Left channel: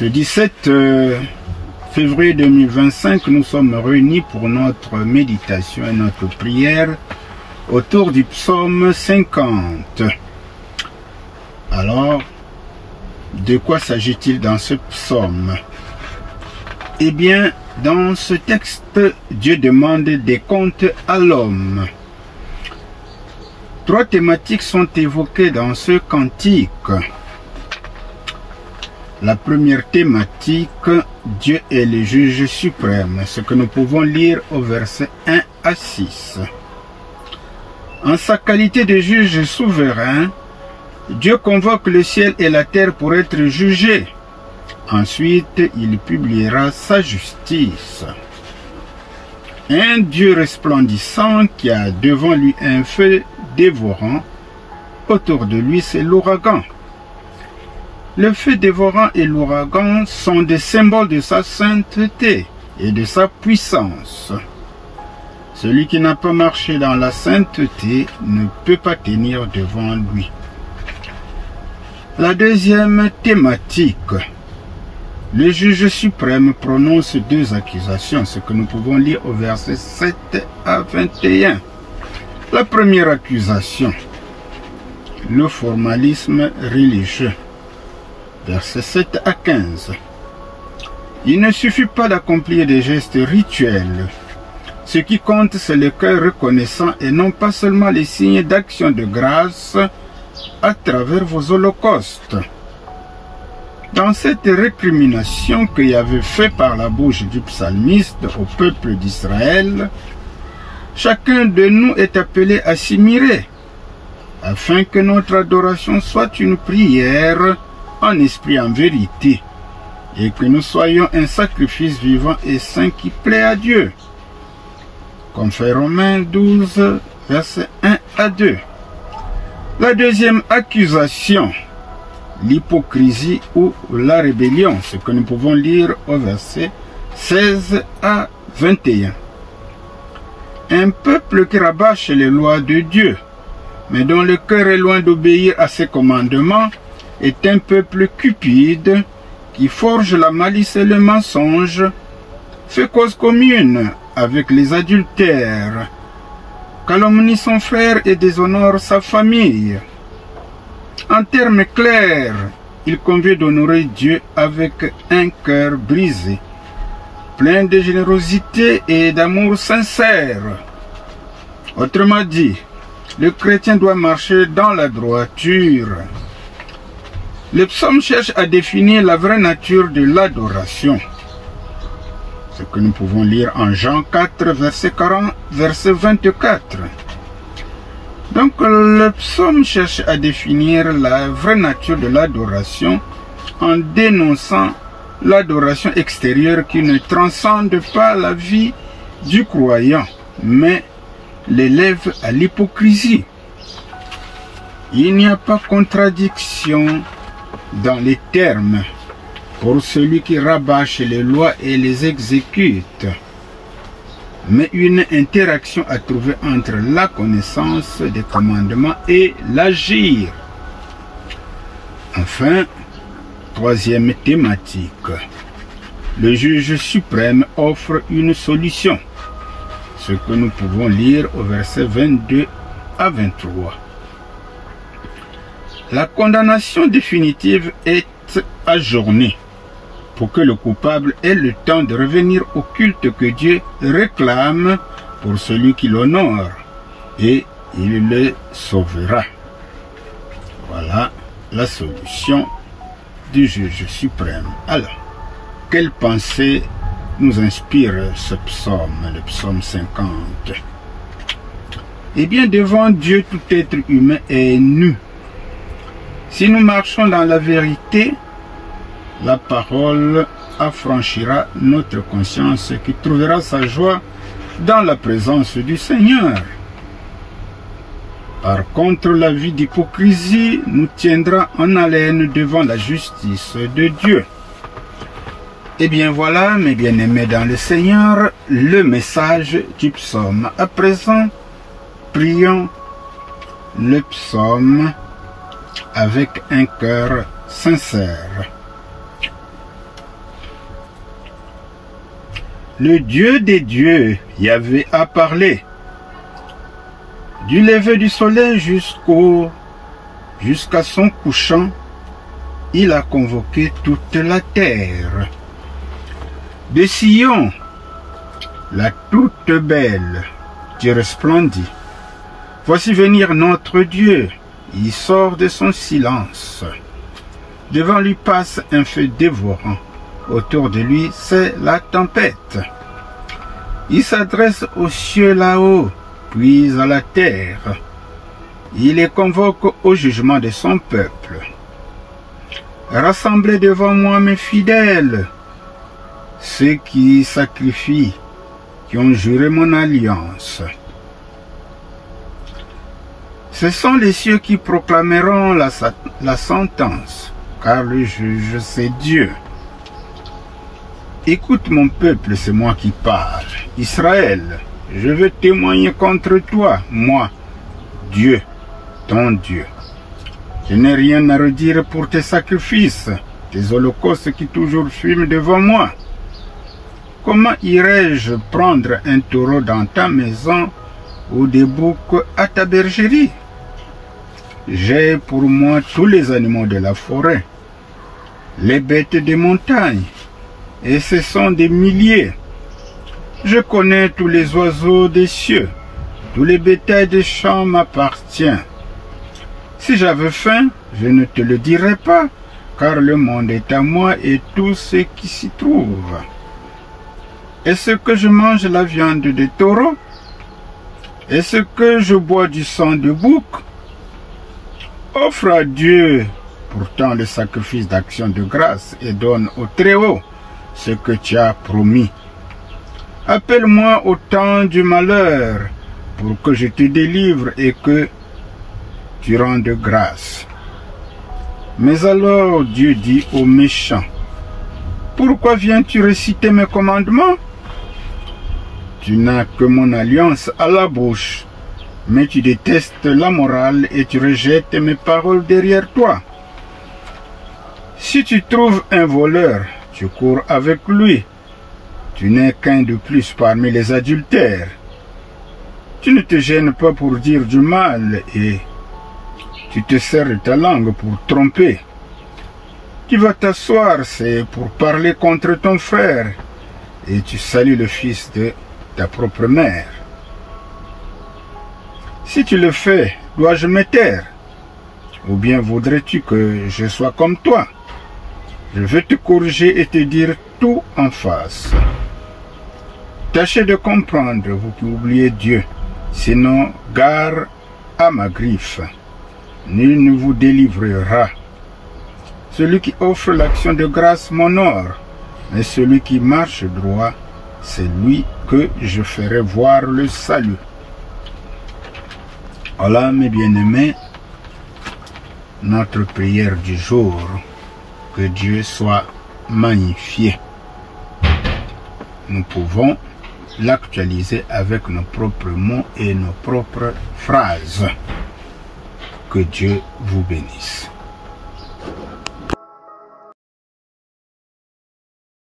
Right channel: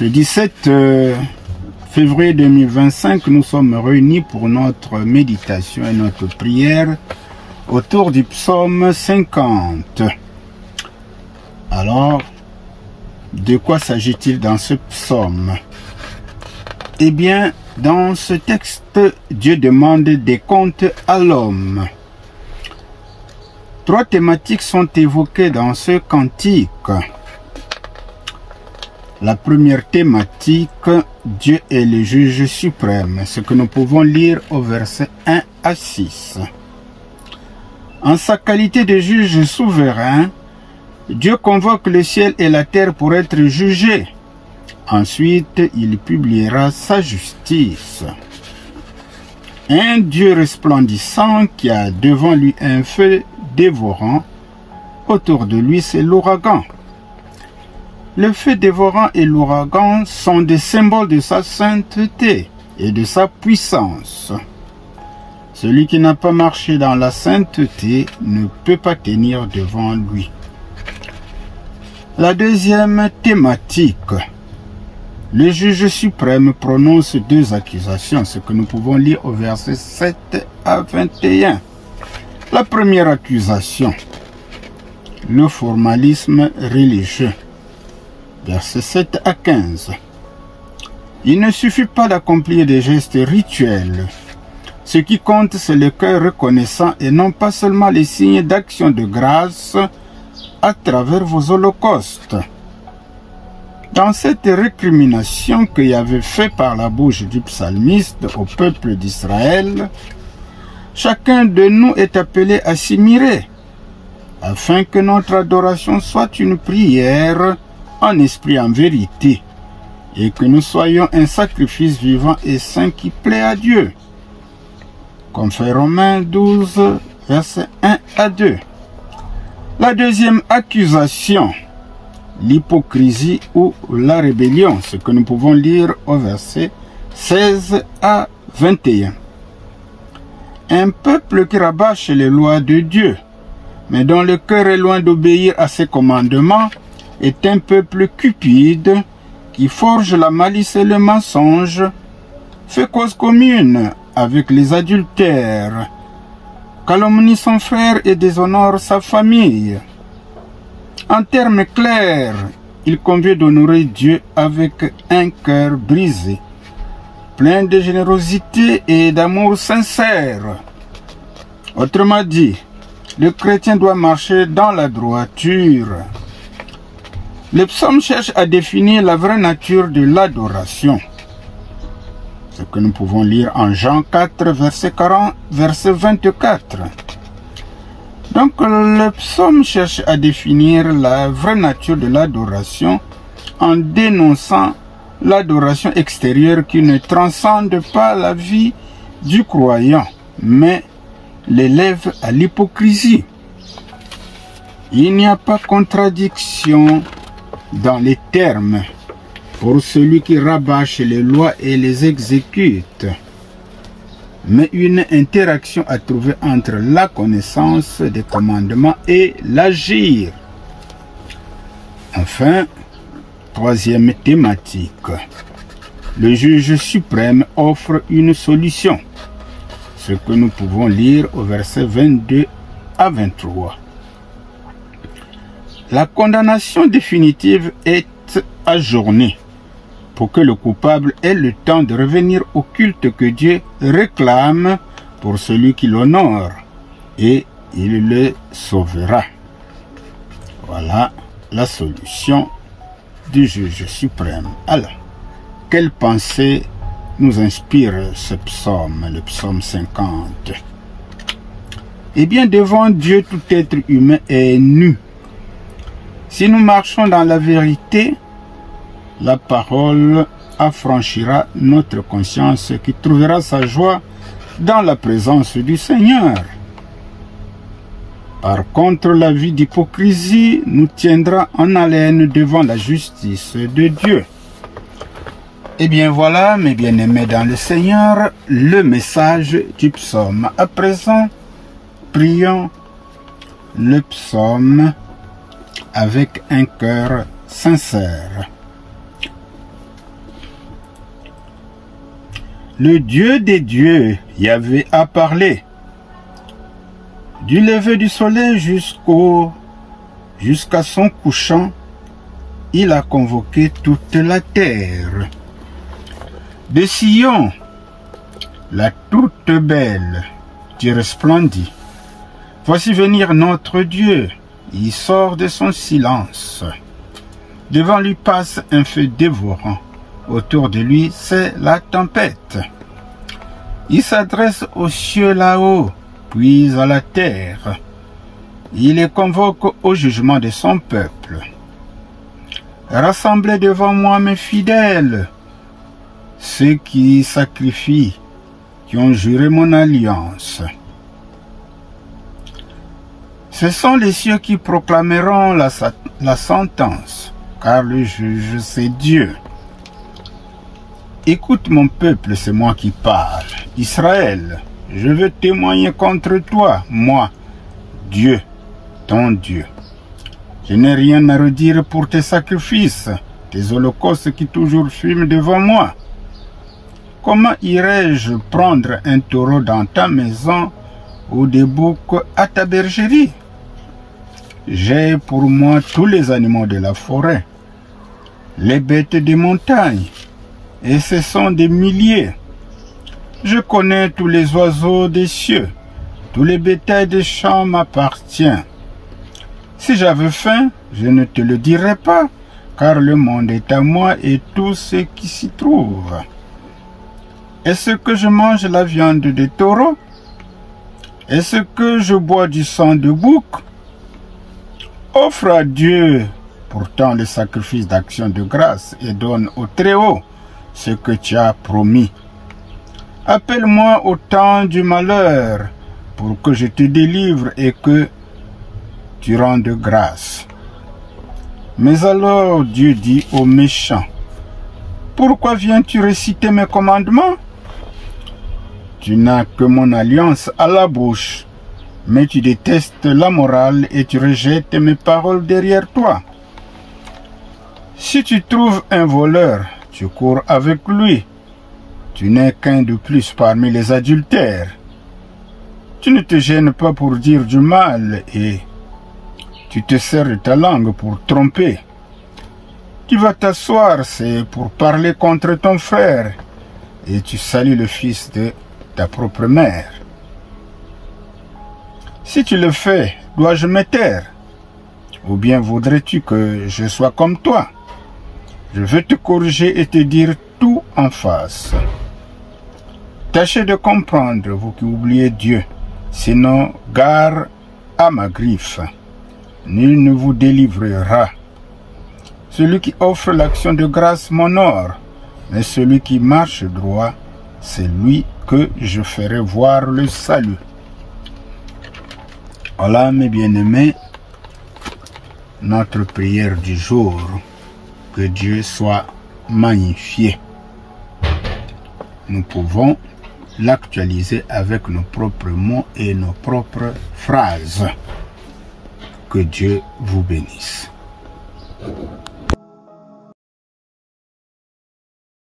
Ce 17 février 2025, nous sommes réunis pour notre méditation et notre prière autour du psaume 50. Alors, de quoi s'agit-il dans ce psaume? Eh bien, dans ce texte, Dieu demande des comptes à l'homme. 3 thématiques sont évoquées dans ce cantique. La première thématique, Dieu est le juge suprême, ce que nous pouvons lire au verset 1 à 6. En sa qualité de juge souverain, Dieu convoque le ciel et la terre pour être jugés. Ensuite, il publiera sa justice. Un Dieu resplendissant qui a devant lui un feu dévorant, autour de lui c'est l'ouragan. Le feu dévorant et l'ouragan sont des symboles de sa sainteté et de sa puissance. Celui qui n'a pas marché dans la sainteté ne peut pas tenir devant lui. La deuxième thématique. Le juge suprême prononce 2 accusations, ce que nous pouvons lire au verset 7 à 21. La première accusation, le formalisme religieux, versets 7 à 15. Il ne suffit pas d'accomplir des gestes rituels. Ce qui compte, c'est le cœur reconnaissant et non pas seulement les signes d'action de grâce à travers vos holocaustes. Dans cette récrimination que Yahvé fait par la bouche du psalmiste au peuple d'Israël, chacun de nous est appelé à s'y mirer, afin que notre adoration soit une prière en esprit en vérité, et que nous soyons un sacrifice vivant et saint qui plaît à Dieu. Comme fait Romains 12, versets 1 à 2. La deuxième accusation, l'hypocrisie ou la rébellion, ce que nous pouvons lire au verset 16 à 21. Un peuple qui rabâche les lois de Dieu, mais dont le cœur est loin d'obéir à ses commandements, est un peuple cupide qui forge la malice et le mensonge, fait cause commune avec les adultères, calomnie son frère et déshonore sa famille. En termes clairs, il convient d'honorer Dieu avec un cœur brisé, plein de générosité et d'amour sincère. Autrement dit, le chrétien doit marcher dans la droiture. Le psaume cherche à définir la vraie nature de l'adoration. Ce que nous pouvons lire en Jean 4, verset 40, verset 24. Donc le psaume cherche à définir la vraie nature de l'adoration en dénonçant l'adoration extérieure qui ne transcende pas la vie du croyant, mais l'élève à l'hypocrisie. Il n'y a pas contradiction dans les termes pour celui qui rabâche les lois et les exécute, mais une interaction à trouver entre la connaissance des commandements et l'agir. Enfin, troisième thématique, le juge suprême offre une solution, ce que nous pouvons lire au verset 22 à 23. La condamnation définitive est ajournée pour que le coupable ait le temps de revenir au culte que Dieu réclame pour celui qui l'honore, et il le sauvera. Voilà la solution du juge suprême. Alors, quelle pensée nous inspire ce psaume, le psaume 50? Eh bien, devant Dieu, tout être humain est nu. Si nous marchons dans la vérité, la parole affranchira notre conscience qui trouvera sa joie dans la présence du Seigneur. Par contre, la vie d'hypocrisie nous tiendra en haleine devant la justice de Dieu. Eh bien voilà, mes bien-aimés dans le Seigneur, le message du psaume. À présent, prions le psaume avec un cœur sincère. Le Dieu des dieux, Yahvé, a parlé. Du lever du soleil jusqu'à son couchant, il a convoqué toute la terre. De Sion, la toute belle, tu resplendis. Voici venir notre Dieu, il sort de son silence. Devant lui passe un feu dévorant, autour de lui c'est la tempête. Il s'adresse aux cieux là-haut, puis à la terre. Il les convoque au jugement de son peuple. Rassemblez devant moi mes fidèles, ceux qui sacrifient, qui ont juré mon alliance. Ce sont les cieux qui proclameront la sentence, car le juge c'est Dieu. Écoute mon peuple, c'est moi qui parle. Israël, je veux témoigner contre toi, moi, Dieu, ton Dieu. Je n'ai rien à redire pour tes sacrifices, tes holocaustes qui toujours fument devant moi. Comment irais-je prendre un taureau dans ta maison ou des boucs à ta bergerie? J'ai pour moi tous les animaux de la forêt, les bêtes des montagnes, et ce sont des milliers. Je connais tous les oiseaux des cieux, tous les bétails des champs m'appartiennent. Si j'avais faim, je ne te le dirais pas, car le monde est à moi et tout ce qui s'y trouve. Est-ce que je mange la viande des taureaux? Est-ce que je bois du sang de bouc? Offre à Dieu pourtant le sacrifice d'action de grâce et donne au Très-Haut ce que tu as promis. Appelle-moi au temps du malheur pour que je te délivre et que tu rendes grâce. Mais alors Dieu dit aux méchants, pourquoi viens-tu réciter mes commandements? Tu n'as que mon alliance à la bouche, mais tu détestes la morale et tu rejettes mes paroles derrière toi. Si tu trouves un voleur, tu cours avec lui. Tu n'es qu'un de plus parmi les adultères. Tu ne te gênes pas pour dire du mal et tu te sers de ta langue pour tromper. Tu vas t'asseoir, c'est pour parler contre ton frère, et tu salues le fils de ta propre mère. Si tu le fais, dois-je me taire? Ou bien voudrais-tu que je sois comme toi? Je veux te corriger et te dire tout en face. Tâchez de comprendre, vous qui oubliez Dieu, sinon gare à ma griffe. Nul ne vous délivrera. Celui qui offre l'action de grâce m'honore, mais celui qui marche droit, c'est lui que je ferai voir le salut. Voilà, mes bien-aimés, notre prière du jour. Que Dieu soit magnifié. Nous pouvons l'actualiser avec nos propres mots et nos propres phrases. Que Dieu vous bénisse.